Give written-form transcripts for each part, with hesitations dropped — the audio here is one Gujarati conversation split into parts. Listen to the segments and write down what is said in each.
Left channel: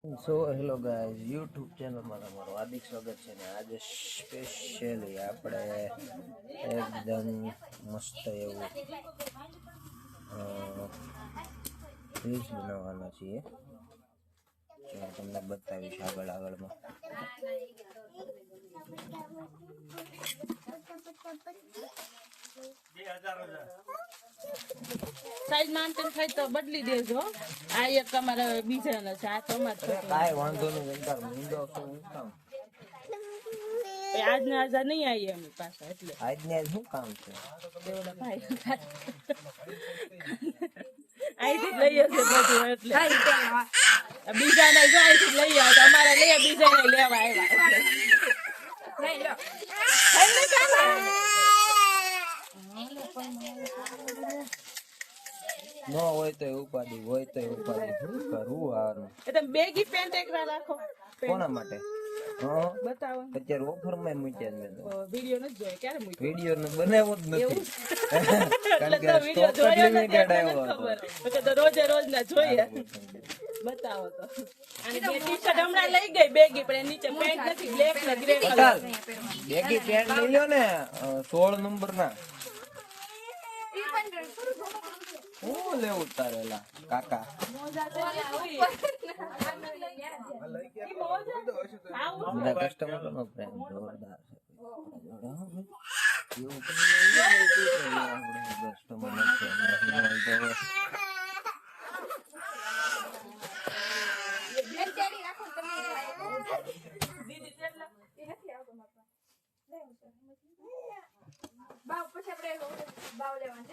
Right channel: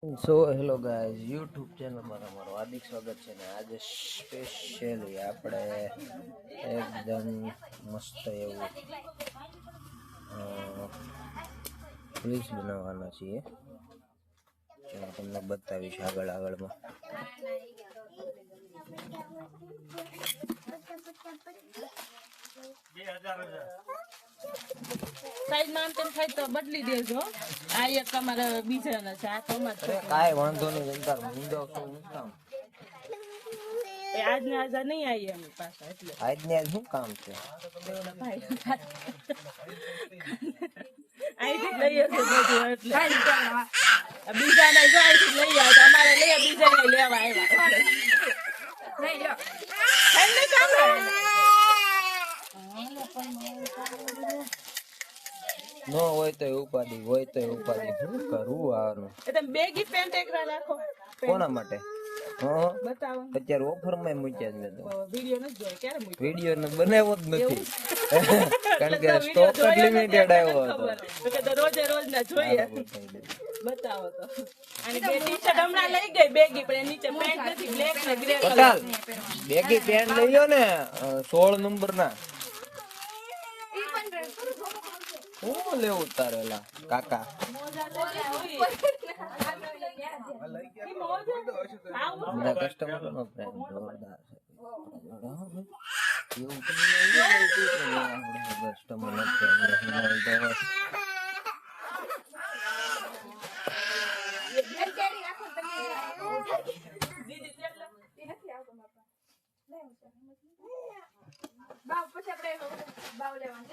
સો હેલો ગાઈઝ યુટ્યુબ ચેનલમાં તમારું હાર્દિક સ્વાગત છે ને આજે સ્પેશિયલી આપણે એકદમ મસ્ત એવું રીલ્સ બનાવવાના છીએ તમને બતાવીશ આગળમાં સાઈડમાં આમ તેમ થાય તો બદલી દેજો. આ એક તમારા બીજાના છે, આ તમારા કાંઈ વાંધો નહીં. આજને આજા નહીં આવી એમની પાસે એટલે આજને આજ શું કામ છે? એવડા ભાઈ અહીંથી જ લઈએ છે બધું એટલે બીજાને જો અહીંથી લઈ આવે અમારે લઈએ બીજાને લેવા આવ્યા. ન હોય તો ઉપાડી હોય તો ઉપાડી શું કરવું આનું? એટલે બેગી પેન્ટ એકલા રાખો. કોના માટે? બતાવો. અત્યારે ઓફર માં મૂક્યા જ નથી. વિડિયો નથી જોયો. ક્યારે મૂક્યો? વિડિયો ને બનાવ્યો જ નથી કારણ કે સ્ટોક લિમિટેડ આવ્યો હતો તો રોજે રોજ ના જોઈએ. બતાવો તો. અને બે ટી-શર્ટ હમણાં લઈ ગઈ બેગી, પણ નીચે પેન્ટ નથી, બ્લેક ને ગ્રે કલર. બેગી પેન્ટ લઈયો ને 16 નંબર ના. શું લેવું તારેલા કાકા? બધા કસ્ટમર નો પ્રેમ જોરદાર છે. કસ્ટમર નો પ્રેમ બાવ પછી આપણે બાવ લેવાનું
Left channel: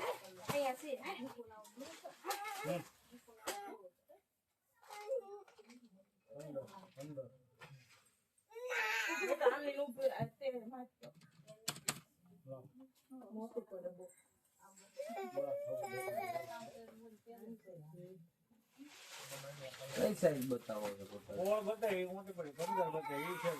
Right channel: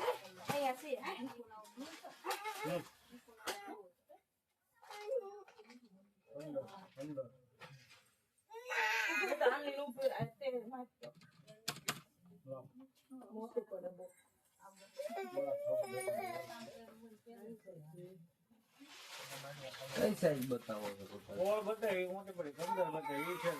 અહીંયા છે. કઈ સાઈઝ બતાવો છો? બતાવી મોટી પડી 15 બતાવી છે.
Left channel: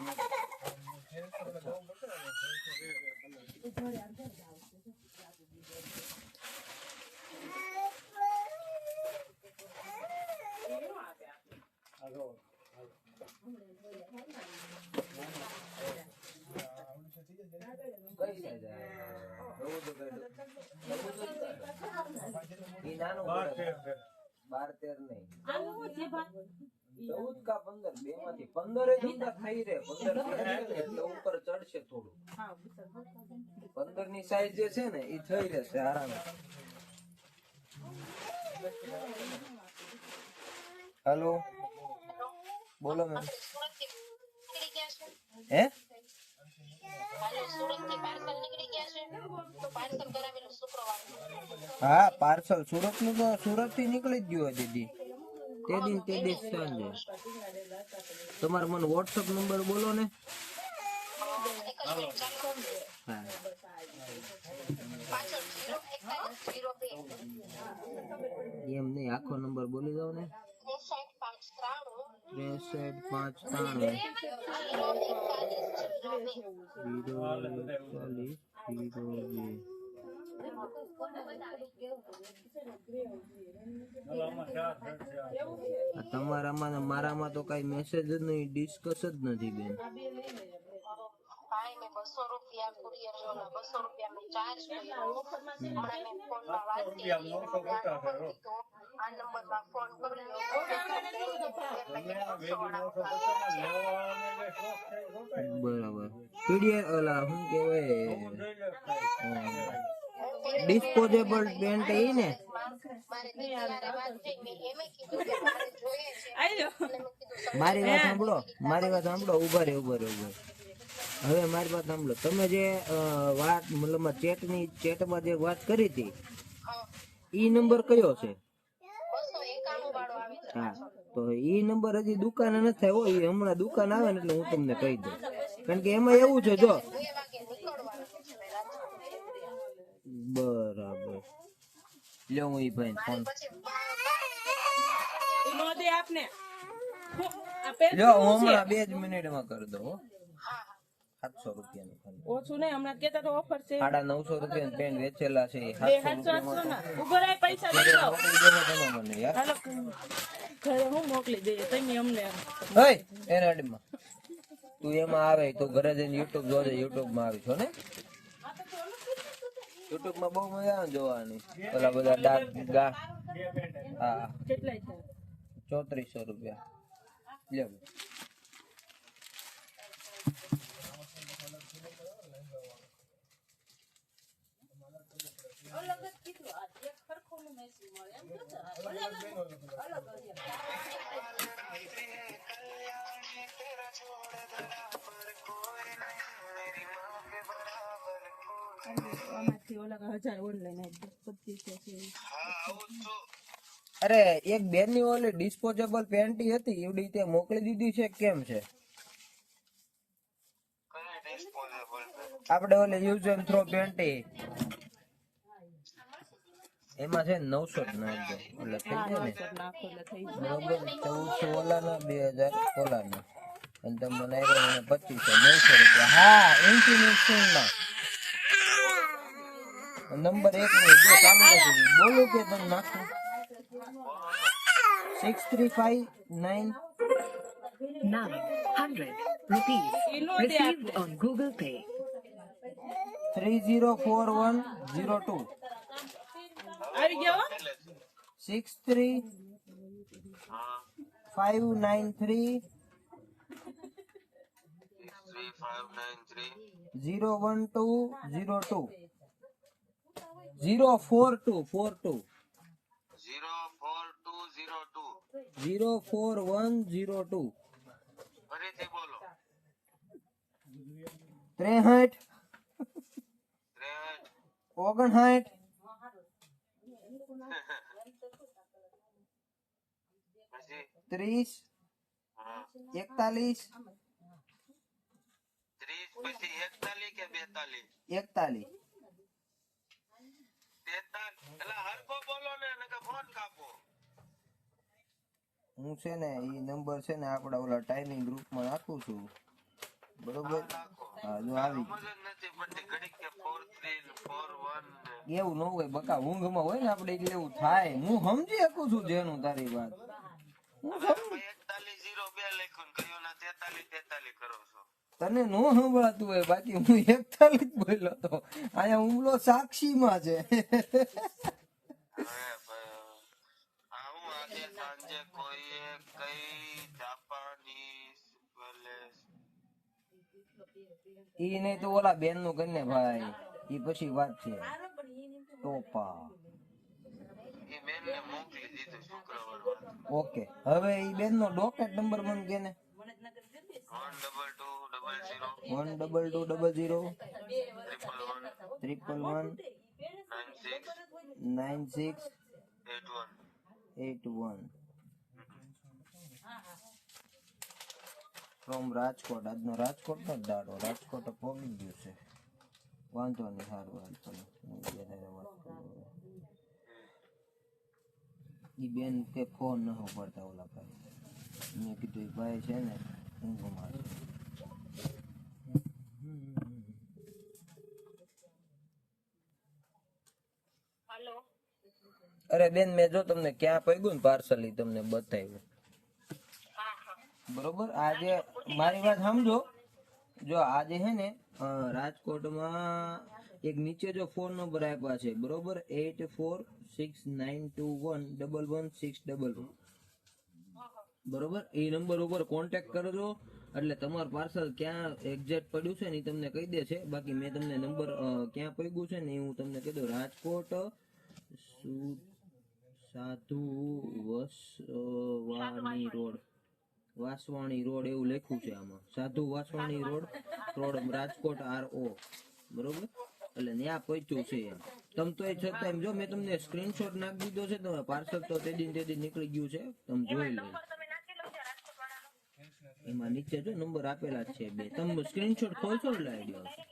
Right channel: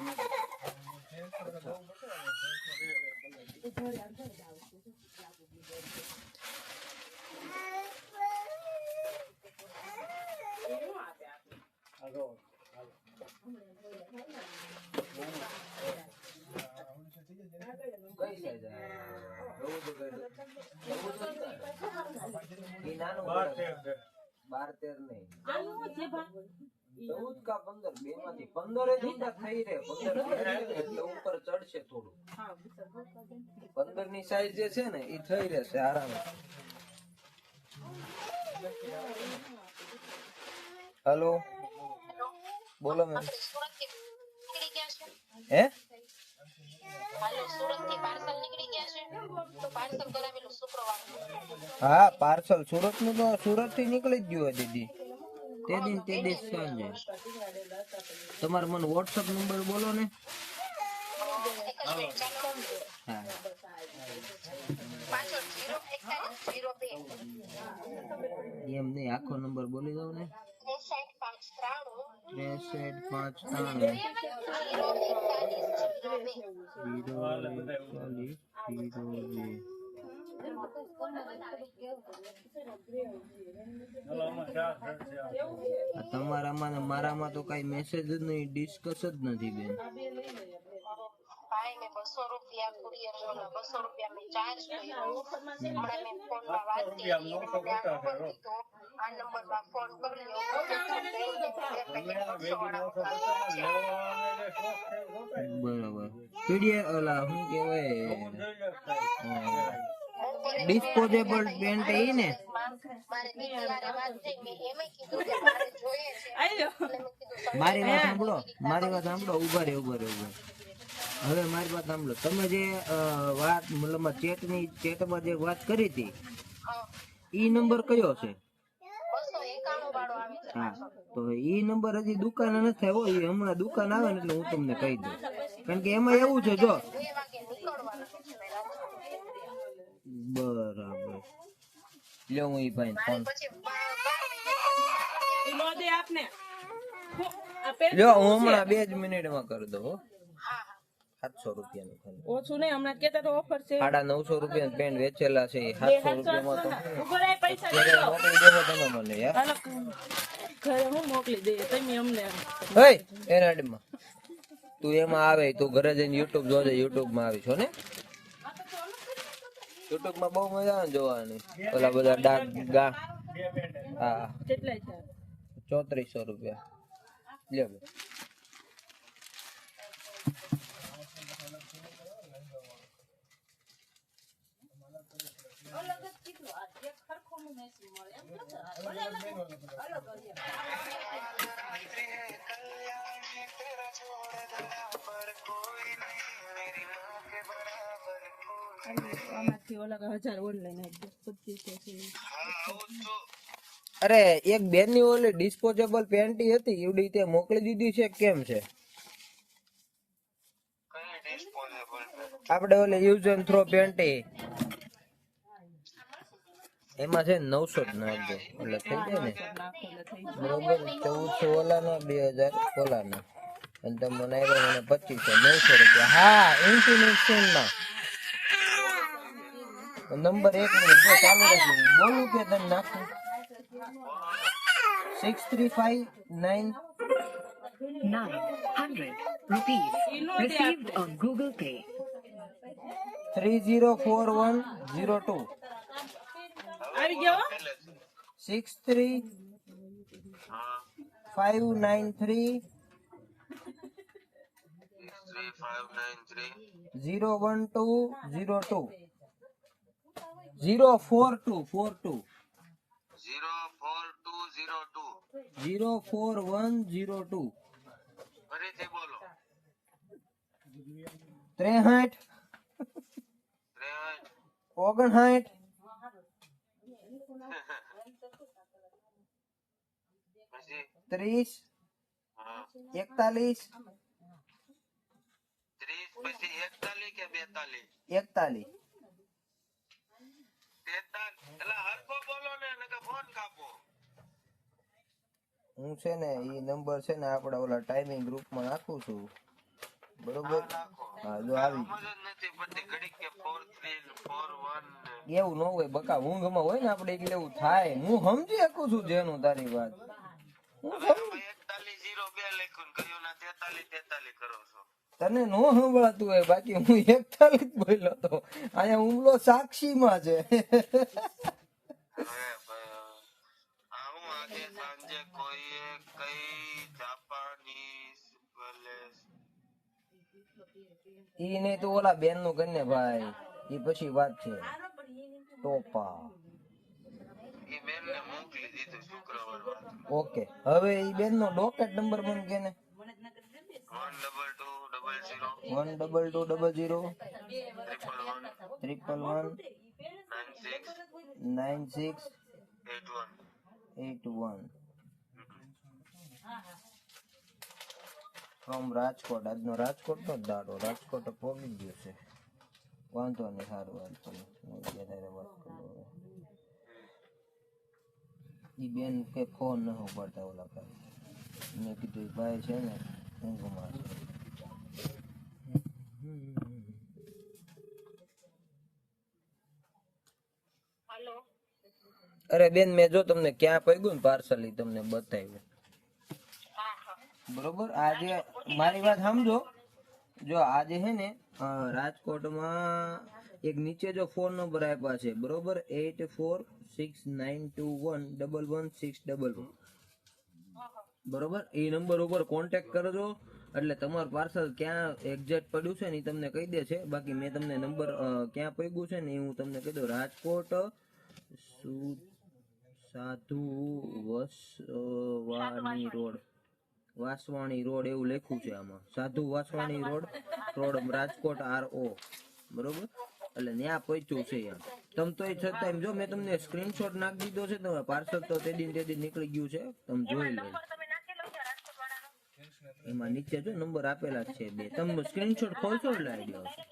ઉપર ચડશે થોડું. 15 ની સાઈઝ જે છે ને એ થઈ રહેશે આરામ. હેલો બોલો મેમ. હે હા પાર્સલ સુરત નું તો સુરત થી નીકળી જ ગયું દીદી. તે દિવસ સાંજે. તમારો મને વોટ્સઅપ નંબર બોલો ને. હા એમ નહીં, આખો નંબર બોલી દો ને. 6353 તમારામાં ને મારામાં તો કઈ મેસેજ જ નહીં, ડિસ્કસ જ નથી બેન. ભાઈને 200 રૂપિયા કુરિયર વાળા 200 રૂપિયા મેં ચાર્જ કર્યો. હમણાં મેં ફોનમાં વાત કરી આ નંબરમાં ફોન કર્યો. બરાબર. પીડીએફ ઓલા શું કહેવાય ડિસ્પોઝેબલ પેન્ટ એ ને. મારે દીકરાને વાત થઈ કે એમે કીધું કે મારે જોઈએ છે. મારી વાત સાંભળો. ઉભા રહે. હવે મારી વાત સાંભળો. તમે જે વાત મતલબ ચેટમાં જે વાત કરી હતી ઈ નંબર કયો છે? 291 વાળો આવે છે. હા તો ઈ નંબર હજી દુકાને નથી થયો. એ હમણાં દુકાન આવે ને એટલે હું તમને કહી દઉં. કારણ કે એમાં એવું છે જો. 2 વાગે નીકળવાનું છે રાત્રે. બરાબર લ્યો હું ઈ ભાઈ ફોન પછી 12 નોંધે આપને લ્યો હું હમણાં 2 જ મિનિટમાં કરી દઉં. 700 રૂપિયાનું ફોન ઓછું નહીં, હમણાં કેતા તો ઓફર છે. 950 રૂપિયા પેન્ટ વેચેલા છે 700 રૂપિયા. ઉભો રહે, પૈસા લઈ લો. તમે મને યાર હાલો ઘરે હું મોકલી દઈએ તમે અમને હે એના આડમાં તું એમાં આવે તું ઘરે જઈને યુટ્યુબ જોજે યુટ્યુબ માં આવી છો ને યુટ્યુબ માં બહુ મજા આવે ને જોવાની ઓલા બધા ડાક ગા હા કેટલાય છે 3400 રૂપિયા લે બે. આમાંથી ઓલા 1000 ઓનલાઈન આપી દે 2500 અરે એક બેન ની ઓલી ડિસ્પોઝેબલ પેન્ટી હતી એવડી તે મોકલી દીધી છે કેમ છે આપણે ઓલે યુઝ એન્ડ થ્રો પેન્ટી એમાં છે 900 જ નાખજો એટલે થઈ જાય ને બરોબર 1400 ઓલાના 2000 ઓલાના અને તમને નાખ્યો મને 2500 900 રૂપિયા હા ઇન્ફિનિશન માં નંબર 1 નો જો ચાલુ રાખી બોલું કે તને નાખું 6359 900 rupees received on Google Pay. 304102 આવી ગયો 63593 01202 04242 04102 ફરીથી બોલો 63 59 30 41 30 પછી 41 કે 42 41 એટલે હરખો બોલો ને નકર ફોન કાપો હું છે ને એ નંબર છે ને આપડા ઓલા ટાઈમિંગ ગ્રુપમાં નાખું છું બરોબર હા જો આવી સમજ જ નથી પડતી ઘડીક કે 43 41 એવું ન હોય બકા ઊંઘમાં હોય ને આપણે એટલે એવું થાય હું સમજી શકું છું જેનું તારી વાત હું હવે 4102 લખ્યું ને કયું ના 43 43 કરો છો તને નો સંભળાતું હોય બાકી હું 41 જ બોલ્યો તો અહીંયા હુમલો સાક્ષીમાં છે હવે ભાઈ આ હું આજે સાંજે કોઈએ કઈ જાપાનીઝ પેલેસ ઈ ને તો ઓલા બેન નું કરીને ભાઈ ઈ પછી વાત છે ટોપા એ બેન ને મોકલી દીધું શુક્રવાર વાત ઓકે હવે ઈ બેન નો ડોકેટ નંબર મને કે ને 12200 12200 111 96 81 ફ્રોમ રાજકોટ આજનો રાજકોટ નો દાડો રાજકોટ પહોંચી ગયો છે વાંધો નહીં સારું વાત કરો વાત કરો ઈ બેન કે ફોન ન પડતા ઓલા ભાઈ મેં કીધું ઈ ભાઈ છે ને ઊંઘમાં છે હેલો અરે બેન મેં જો તમને ક્યાં પગ્યું ને પાર્સલ ઈ તમને બતાવ્યું હા હા બરોબર આજે મારી વાત સમજો જો આજે હે ને રાજકોટમાં એક નીચે જો ફોન નંબર આપ્યા છે બરોબર 846921111611 બરોબર એ નંબર ઉપર કોન્ટેક્ટ કરજો એટલે તમારું પાર્સલ ક્યાં એક્ઝેક્ટ પડ્યું છે ને એ તમને કહી દે છે બાકી મેં તમને નંબર ક્યાં પડ્યું છે ને એ હું તમને કહી દઉં રાજકોટ સાધુ વસવાણી રોડ વાસવાણી રોડ એવું લખ્યું છે આમાં સાધુ વાસવાણી રોડ રાજકોટ RO બરોબર એટલે ત્યાં પહોંચ્યું છે એમ તમ તો એ છતાં એમ જો મેં તમને સ્ક્રીનશોટ નાખી દીધો છે તો પાર્સલ તો તે દિન નીકળી ગયું છે તમે જોઈ લો એમાં નીચે જો નંબર આપેલા જ છે બે તમે સ્ક્રીનશોટ ખોલશો એટલે આઈડિયા આવશે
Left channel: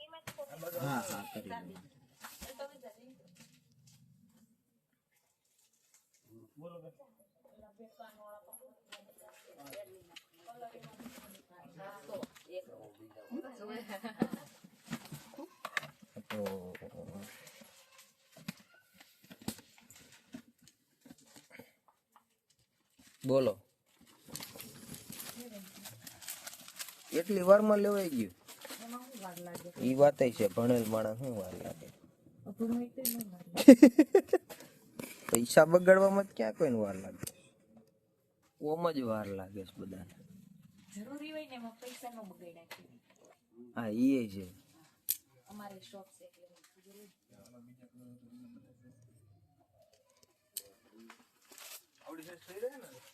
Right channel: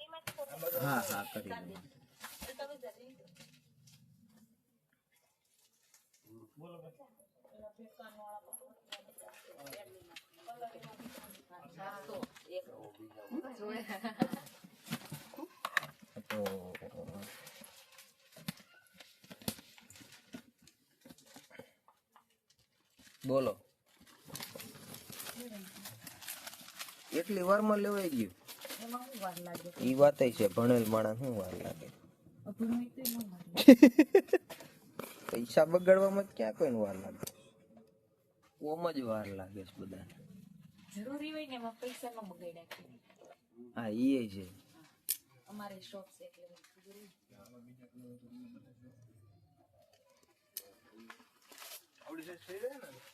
હા હા કરી દો તો બોલો એટલી વારમાં લેવાઈ ગયું ઈ વાત છે ભણેલ માણસ શું વાર લાગે પૈસા બગાડવામાં જ ક્યાં કોઈને વાર લાગે ઓમ જ વાર લાગે છે બધાને જરૂરી હોય ને એમાં પૈસા ન બગાડ્યા હા ઈ છે અમારે શોખ છે એટલે આવડી જાય થઈ જાય ને